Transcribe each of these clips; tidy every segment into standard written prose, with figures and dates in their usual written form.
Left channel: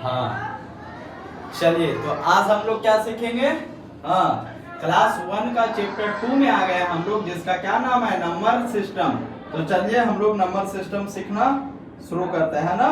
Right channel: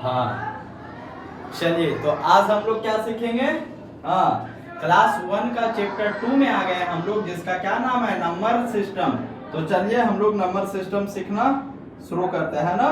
हाँ चलिए, तो आज हम लोग क्या सीखेंगे? हाँ, क्लास 1 का चैप्टर 2 में आ गए हम लोग, जिसका क्या नाम है? Number system. तो चलिए हम लोग नंबर सिस्टम सीखना शुरू करते हैं ना।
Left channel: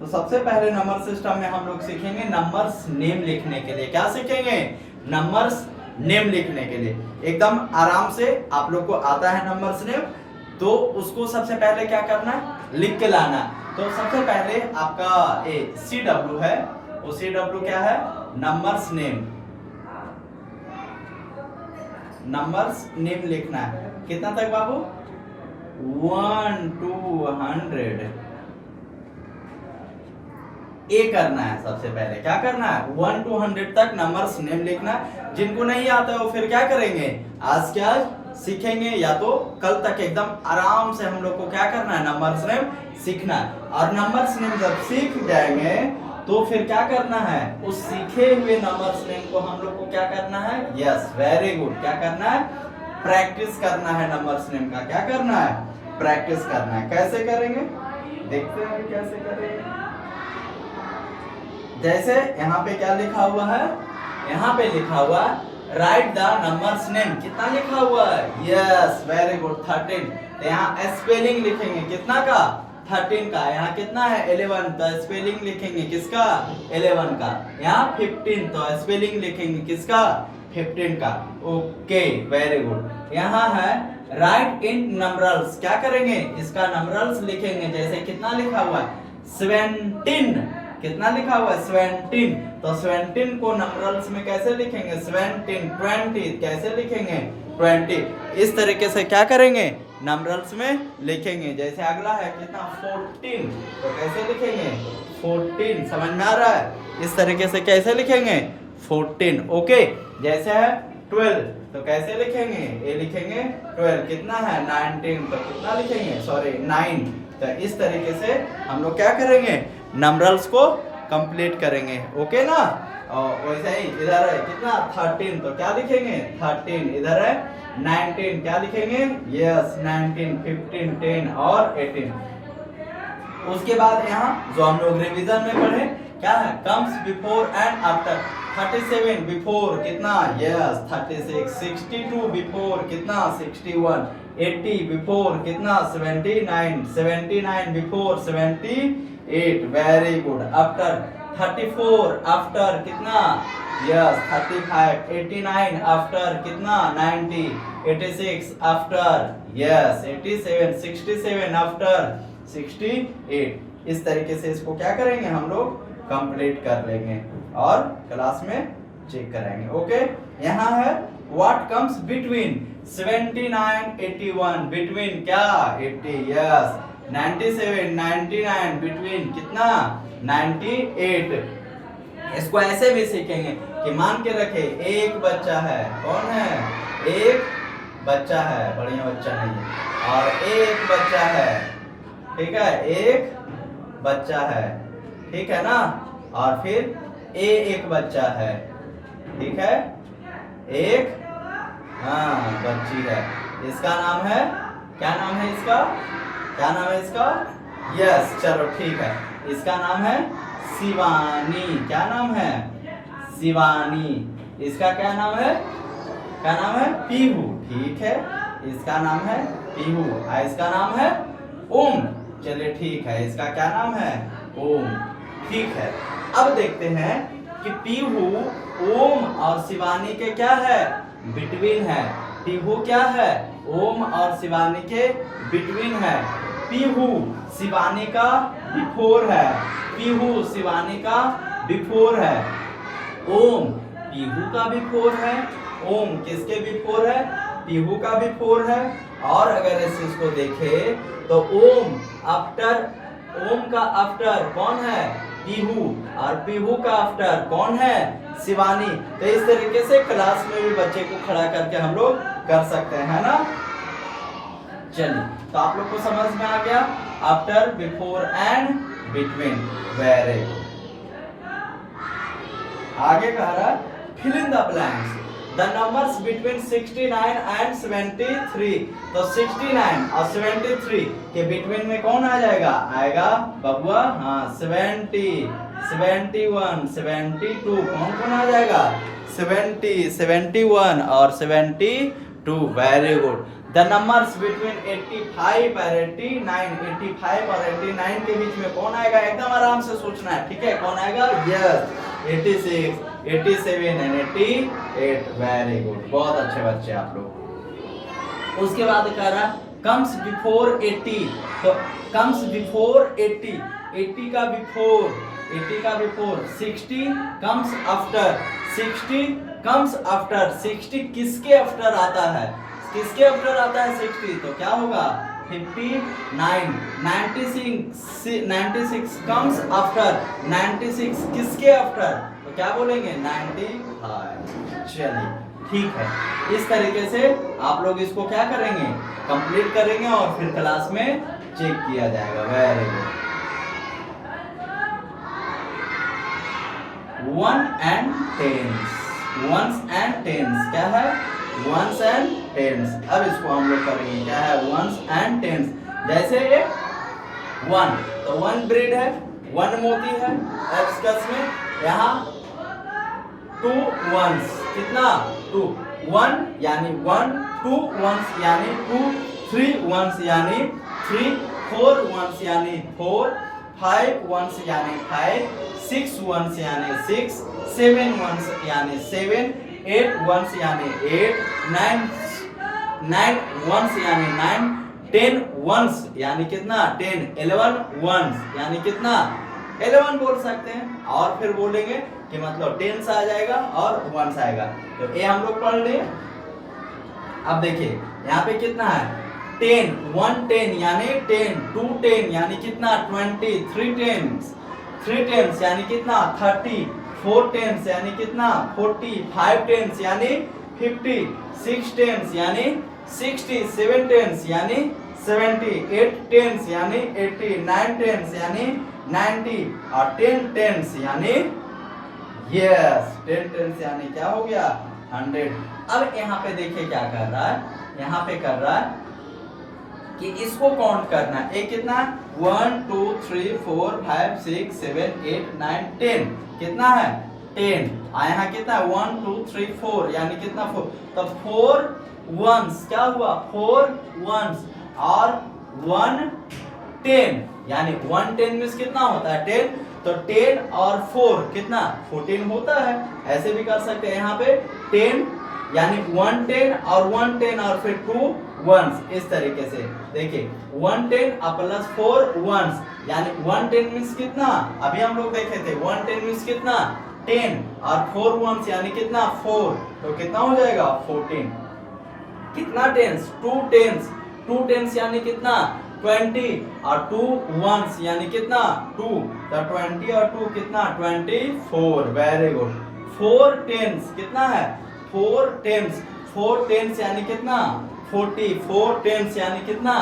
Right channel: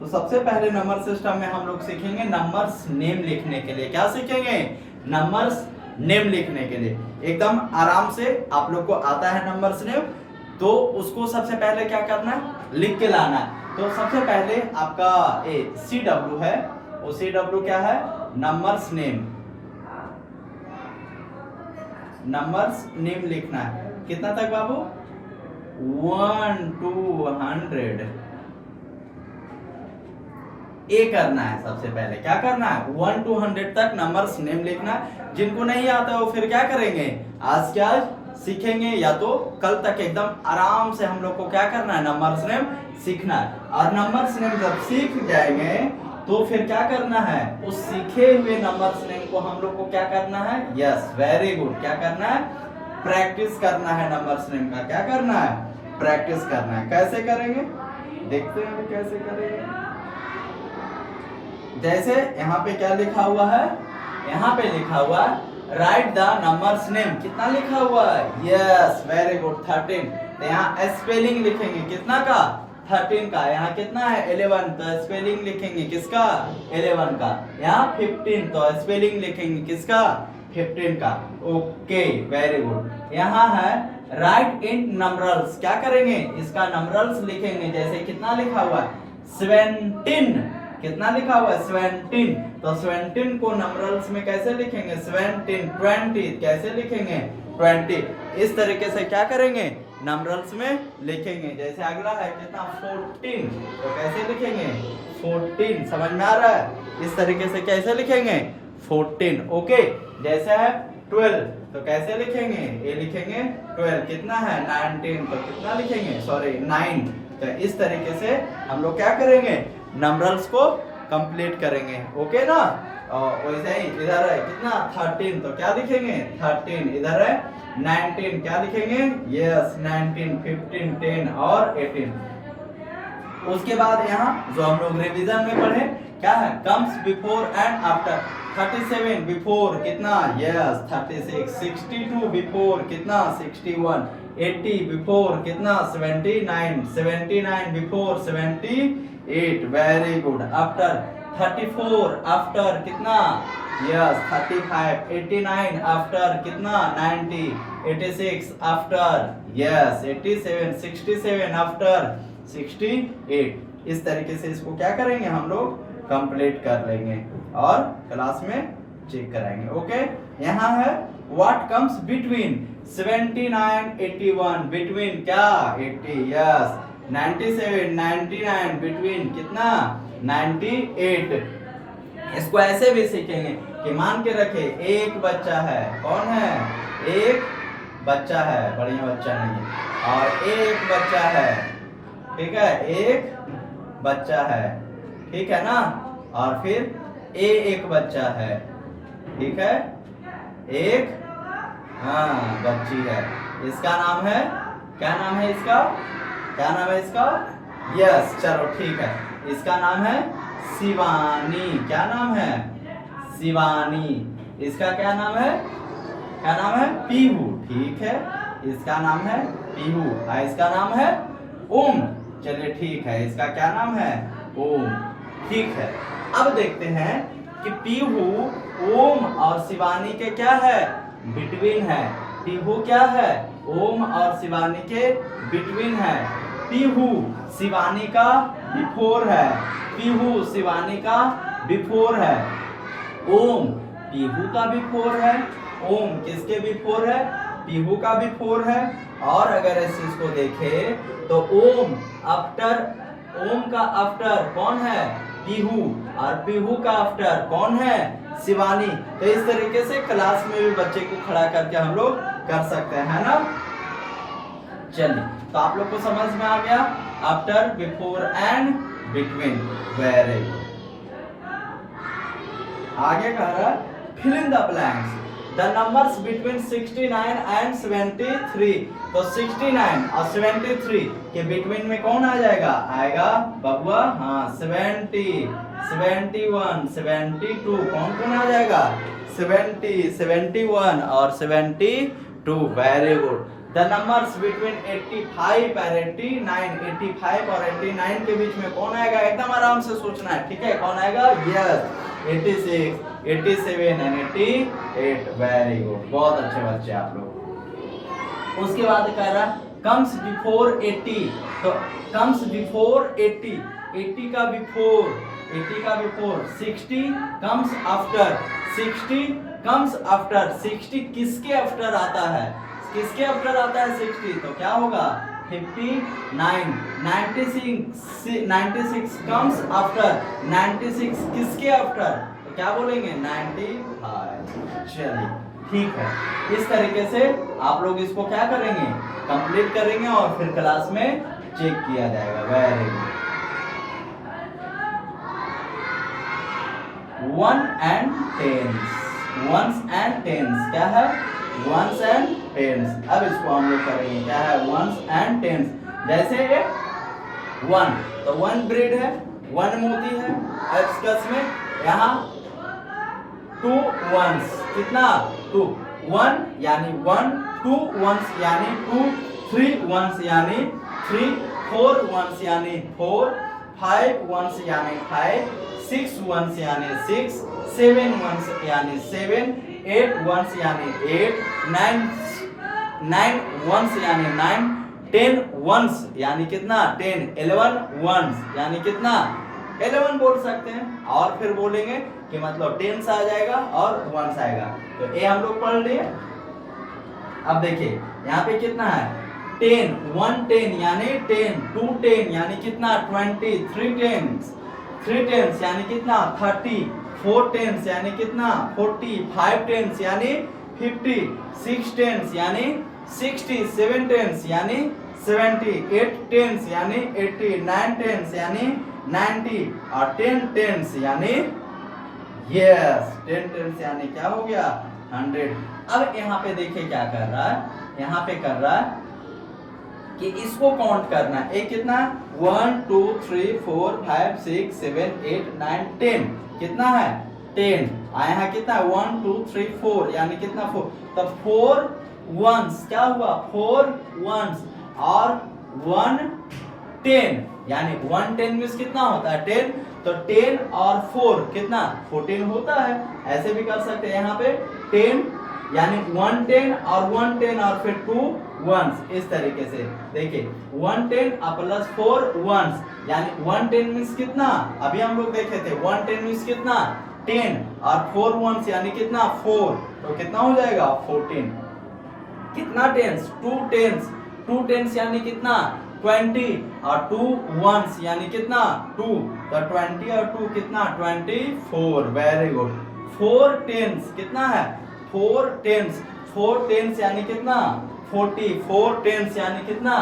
तो सबसे पहले नंबर सिस्टम में हम लोग सीखेंगे नंबर्स नेम लिखने के लिए। क्या सीखेंगे? नंबर्स नेम लिखने के लिए। एकदम आराम से आप लोग को आता है नंबर्स नेम, तो उसको सबसे पहले क्या करना है? लिख के लाना है। तो सबसे पहले आपका CW है, वो CW क्या है? Numbers name. नंबर्स नेम लिखना है। कितना तक बाबू? 1 to 100 ए करना है। सबसे पहले क्या करना है? 1 to 100 तक नंबर्स नेम लिखना। जिनको नहीं आता है वो फिर क्या करेंगे? आज क्या सीखेंगे, या तो कल तक एकदम आराम से हम लोग को क्या करना है? नंबर्स नेम सीखना है। और नंबर्स नेम जब सीख जाएंगे तो फिर क्या करना है? उस सीखे हुए नंबर्स नेम को हम लोग को क्या करना है? Yes, very good. क्या करना है? प्रैक्टिस करना है नंबर्स नेम का। क्या करना है? प्रैक्टिस करना है। कैसे करेंगे? देखते हैं अभी कैसे करेंगे। जैसे यहाँ पे क्या लिखा हुआ है? यहाँ पे लिखा हुआ है राइट द नंबर्स नेम। कितना लिखा हुआ है? Yes, very good, 13। तो यहाँ स्पेलिंग लिखेंगे कितना का? 13 का। यहाँ कितना है? 11। तो स्पेलिंग लिखेंगे किसका? 11 का। यहाँ 15, तो स्पेलिंग लिखेंगे किसका? 15 का। Okay, very good. यहाँ है राइट इन नंबरल्स। क्या करेंगे? इसका नंबरल्स लिखेंगे। जैसे कितना लिखा हुआ है? 17। कितना लिखा हुआ है? 17। तो 17 को नंबरल्स में कैसे लिखेंगे? 17, 20 कैसे लिखेंगे? 20। इस तरीके से क्या करेंगे? नंबरल्स में लिखेंगे। जैसे अगला है कितना? 14। तो कैसे लिखेंगे? 14। समझ में आ रहा है? इस तरीके से कैसे लिखेंगे? 14। ओके। जैसे है 12, तो कैसे लिखेंगे? ये लिखेंगे 12। कितना है? 19। तो कितना लिखेंगे? सॉरी, 9। तो इस तरीके से हम लोग क्या करेंगे? नंबरल्स को कंप्लीट करेंगे। ओके ना? और वैसे ही इधर है कितना? 13। तो क्या लिखेंगे? 13। इधर है 19। क्या लिखेंगे? यस, 19, 15, 10 और 18। उसके बाद यहाँ जो हम लोग रिवीजन में पढ़े, क्या है? Comes before and after. 37 before कितना? यस, 36। 62 बिफोर कितना? 61। 80 बिफोर कितना? 79। 79 before 78। Very good. After 34 after कितना? यस, 35। 89 आफ्टर कितना? 90। 86 आफ्टर यस 87। 67 आफ्टर 68। इस तरीके से इसको क्या करेंगे? हम लोग कंप्लीट कर लेंगे और क्लास में चेक कराएंगे। ओके। यहाँ है व्हाट कम्स बिटवीन 79 81। बिटवीन क्या? 80। यस। 97 99 बिटवीन कितना? 98। इसको ऐसे भी सीखेंगे कि मान के रखे एक बच्चा है। कौन है? एक बच्चा है, बढ़िया बच्चा नहीं है, और एक बच्चा है। ठीक है, एक बच्चा है। ठीक है ना? और फिर एक बच्चा है। ठीक है, एक बच्ची है। इसका नाम है, क्या नाम है इसका? क्या नाम है इसका? यस, चलो ठीक है। इसका नाम है शिवानी। क्या नाम है? शिवानी। इसका क्या नाम है? क्या नाम है? पीहू। ठीक है, इसका नाम है पीहू। इसका नाम है ओम। चलिए ठीक है, इसका क्या नाम है? ओम। ठीक है, अब देखते हैं कि पीहू ओम और शिवानी के क्या है? बिटवीन है। पीहू क्या है? ओम और शिवानी के बिटवीन है। पीहू शिवानी का बिफोर है। पीहू शिवानी का बिफोर है। ओम पीहू का बिफोर है। ओम किसके बिफोर है? पीहू का बिफोर है। और अगर ऐसे इसको देखें तो ओम आफ्टर, ओम का आफ्टर कौन है? पीहू। और पीहू का आफ्टर कौन है? शिवानी। तो इस तरीके से क्लास में भी बच्चे को खड़ा करके हम लोग कर सकते हैं ना। चलिए, तो आप लोग को समझ में आ गया after, before and between. Very good. आगे कह रहा है fill in the blanks. The numbers between 69 and 73। तो 69 और 73 के बिटवीन में कौन आ जाएगा? आएगा बबुआ, हाँ 70, 71, 72, कौन कौन आ जाएगा? 70, 71 और 72। Very good. The numbers between 85 और 89, 85 और 89 के बीच में कौन आएगा? एकदम आराम से सोचना है, ठीक है? कौन आएगा? Yes, 86, 87 and 88। वेरी गुड, बहुत अच्छे बच्चे आप लोग। उसके बाद कह रहा कम्स बिफोर 80। तो कम्स बिफोर 80, 80 का बिफोर, 80 का before 60 comes after, 60 comes after, 60 किसके आफ्टर आता है? किसके आफ्टर आता है 60? तो क्या होगा? 59, 96 कम्स आफ्टर, 96 किसके आफ्टर? तो क्या बोलेंगे? 95। चलिए ठीक है, इस तरीके से आप लोग इसको क्या करेंगे? कंप्लीट करेंगे और फिर क्लास में चेक किया जाएगा। Very good. 1 and 10s, 1s and 10s क्या है? 1s and 10s। अब इसको हम लोग करेंगे, क्या है? 1s and 10s। जैसे 1, तो 1 ब्रीड है, 1 मोती है एब्सकस में। यहाँ 2 1s, कितना? 2, 1 यानी 1, 2 1s यानी 2, 3 1s यानी 3, 4 1s यानी 4, 5 1s यानी 5, 6 1s यानी 6, 7 1s यानी 7, 8 1s यानी 8, 9 1s यानी 9, 10 1s यानी कितना? 10, 11 1s यानी कितना? 11 बोल सकते हैं। और फिर बोलेंगे कि मतलब 10s आ जाएगा और 1s आएगा। तो ये हम लोग पढ़ लिए। अब देखिए यहाँ पे कितना है? 10, 1 10 यानी 10, 2 10 यानी कितना? 20, 3 10s, 3 10s यानी कितना? 30, 4 10s यानी कितना? 40, 5 10s यानी 50, 6 10s यानी 60, 7 10s यानी 70, 8 10s यानी 80, 9 10s यानी 90 और 10 10s यानी यस 10 10s यानी क्या हो गया? 100। अब यहाँ पे देखिए क्या कर रहा है? यहाँ पे कर रहा है कि इसको काउंट करना है। एक कितना? 1 2 3 4 5 6 7 8 9 10। कितना है? 10। यहाँ कितना है? 1 2 3 4 यानी कितना? 4। तो 4 1s क्या हुआ? 4 1s और 1 10 यानी 1 10 में कितना होता है? 10। तो 10 और 4 कितना? 14 होता है। ऐसे भी कर सकते हैं यहाँ पे 10 यानी 1 10 और 1 10 और फिर 2 1s। इस तरीके से देखिए 1 10 प्लस 4 1s यानी 1 10 मीन्स कितना? अभी हम लोग देखे थे 1 10 मीन्स कितना? 10 और 4 1s यानी कितना? 4। तो कितना हो जाएगा? 14। कितना 10s? 2 10s, 2 10s यानी कितना? 20 और 2 1s यानी कितना? 2। तो 20 और 2 कितना? 24। Very good. 4 10s कितना है? 4 10s, 4 10s यानी कितना? 40, 4 10s यानी कितना?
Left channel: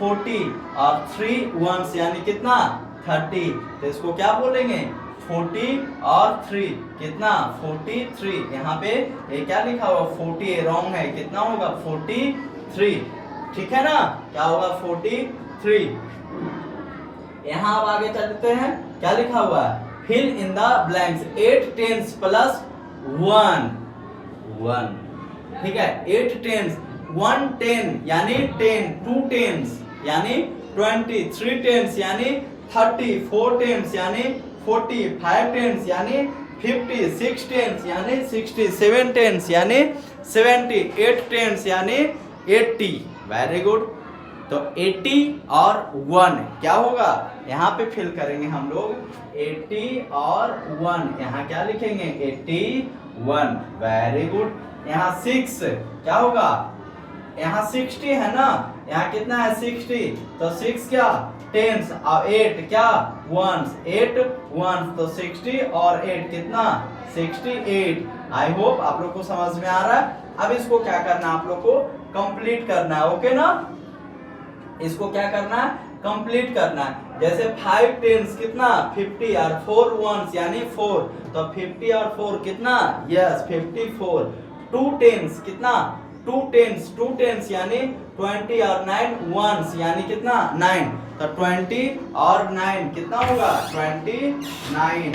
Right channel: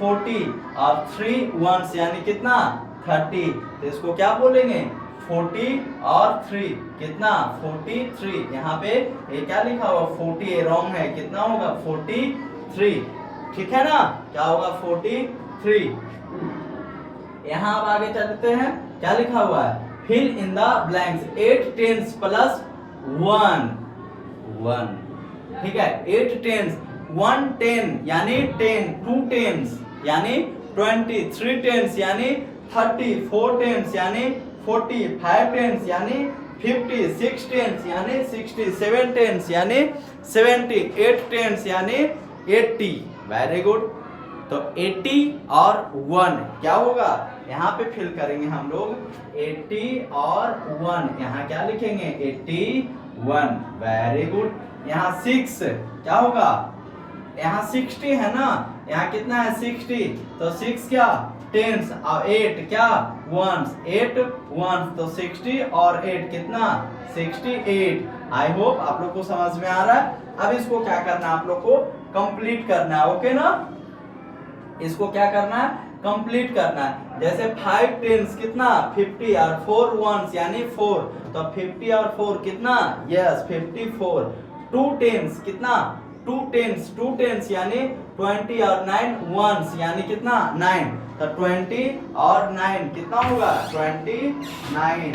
40 और 3 1s यानी कितना? 30। तो इसको क्या बोलेंगे? 40 और 3 कितना? 43। यहाँ पे ये क्या लिखा हुआ? 40 रॉन्ग है। कितना होगा? 43। ठीक है ना? क्या होगा? 43। यहाँ अब आगे चलते हैं। क्या लिखा हुआ है? Fill in the blanks 8 10s plus 1 1। ठीक है, 8 10s, 1 10 यानी 10, 2 10s यानी 20, 3 10s यानी 30, 4 10s यानी 40, 5 10s यानी 50, 6 10s यानी 60, 7 10s यानी 70, 8 10s यानी 80। Very good. तो 80 और 1 क्या होगा? यहाँ पे फिल करेंगे हम लोग 80 और 1। यहाँ क्या लिखेंगे? 81। Very good. यहाँ 6 क्या होगा? यहाँ 60 है ना? यहाँ कितना है? 60। तो 6 क्या? 10s और 8 क्या? 1s, 8 1s। तो 60 और 8 कितना? 68। आई होप आप लोग को समझ में आ रहा है। अब इसको क्या करना है? आप लोग को कंप्लीट करना है। ओके ना? इसको क्या करना है? कंप्लीट करना है। जैसे 5 10s कितना? 50 और 4 1s यानी 4। तो 50 और 4 कितना? यस 54। 2 टेंस कितना 2 टेंस यानी 20 और 9 वंस यानी कितना 9, तो 20 और 9 कितना होगा 29।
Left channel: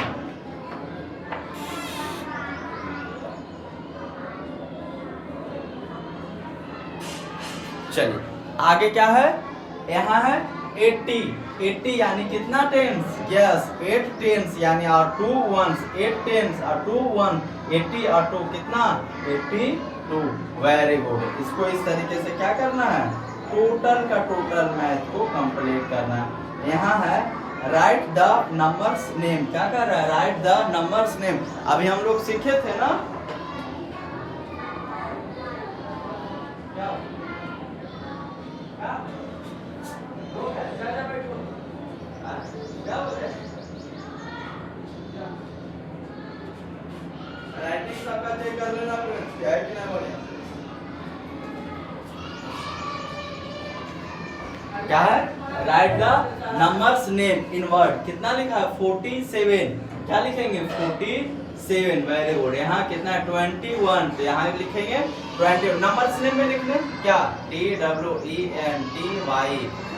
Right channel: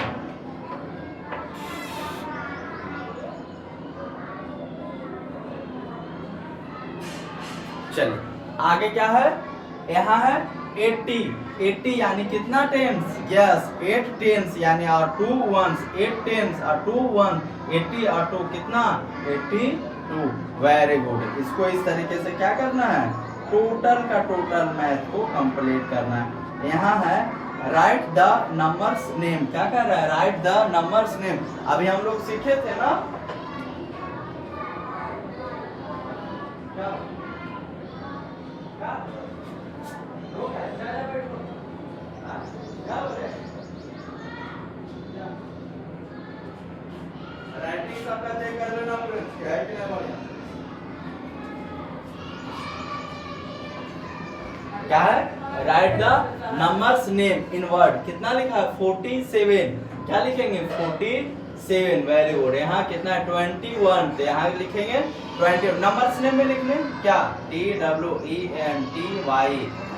चलिए आगे क्या है, यहाँ है 80 यानी कितना टेंस, यस 8 टेंस यानी और 2 वंस, 8 टेंस और 2 वन, 80 और 2 कितना 82। Very good. इसको इस तरीके से क्या करना है, टोटल का टोटल मैथ को कंप्लीट करना है। यहाँ है राइट द नंबर्स नेम, क्या कर रहा है, राइट द नंबर्स नेम। अभी हम लोग सीखे थे ना राइटिंग सबका चेक कर लेना क्या है कि नहीं बढ़िया। क्या है, right the numbers name in word, कितना लिखा है 47, क्या लिखेंगे 47। Very good. यहाँ कितना है 21, तो यहाँ लिखेंगे 20। नंबर्स नेम में लिख लें क्या, TWENTY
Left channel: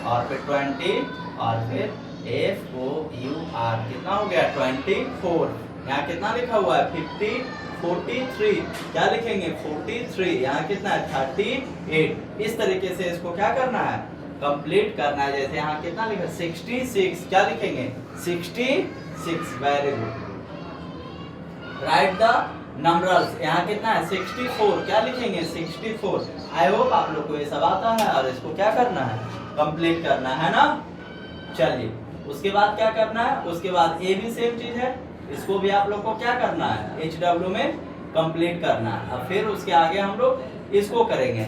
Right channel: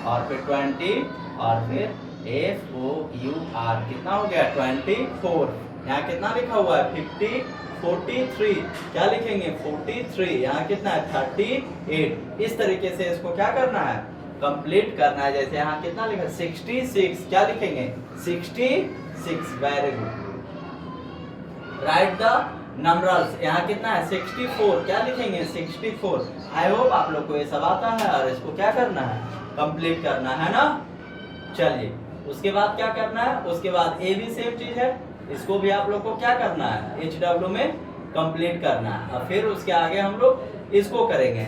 और फिर 20 और फिर FOUR, कितना हो गया 24। यहाँ कितना लिखा हुआ है 50, 43, क्या लिखेंगे 43। यहाँ कितना है 38। इस तरीके से इसको क्या करना है, कंप्लीट करना है। जैसे यहाँ कितना लिखा 66, क्या लिखेंगे 66। Very good. Right the numbers, यहाँ कितना है 64, क्या लिखेंगे 64। आई होप आप लोग को ये सब आता है और इसको क्या करना है, कंप्लीट करना है ना। चलिए उसके बाद क्या करना है, उसके बाद ए भी सेम चीज है, इसको भी आप लोग को क्या करना है HW में कंप्लीट करना है। और फिर उसके आगे हम लोग इसको करेंगे।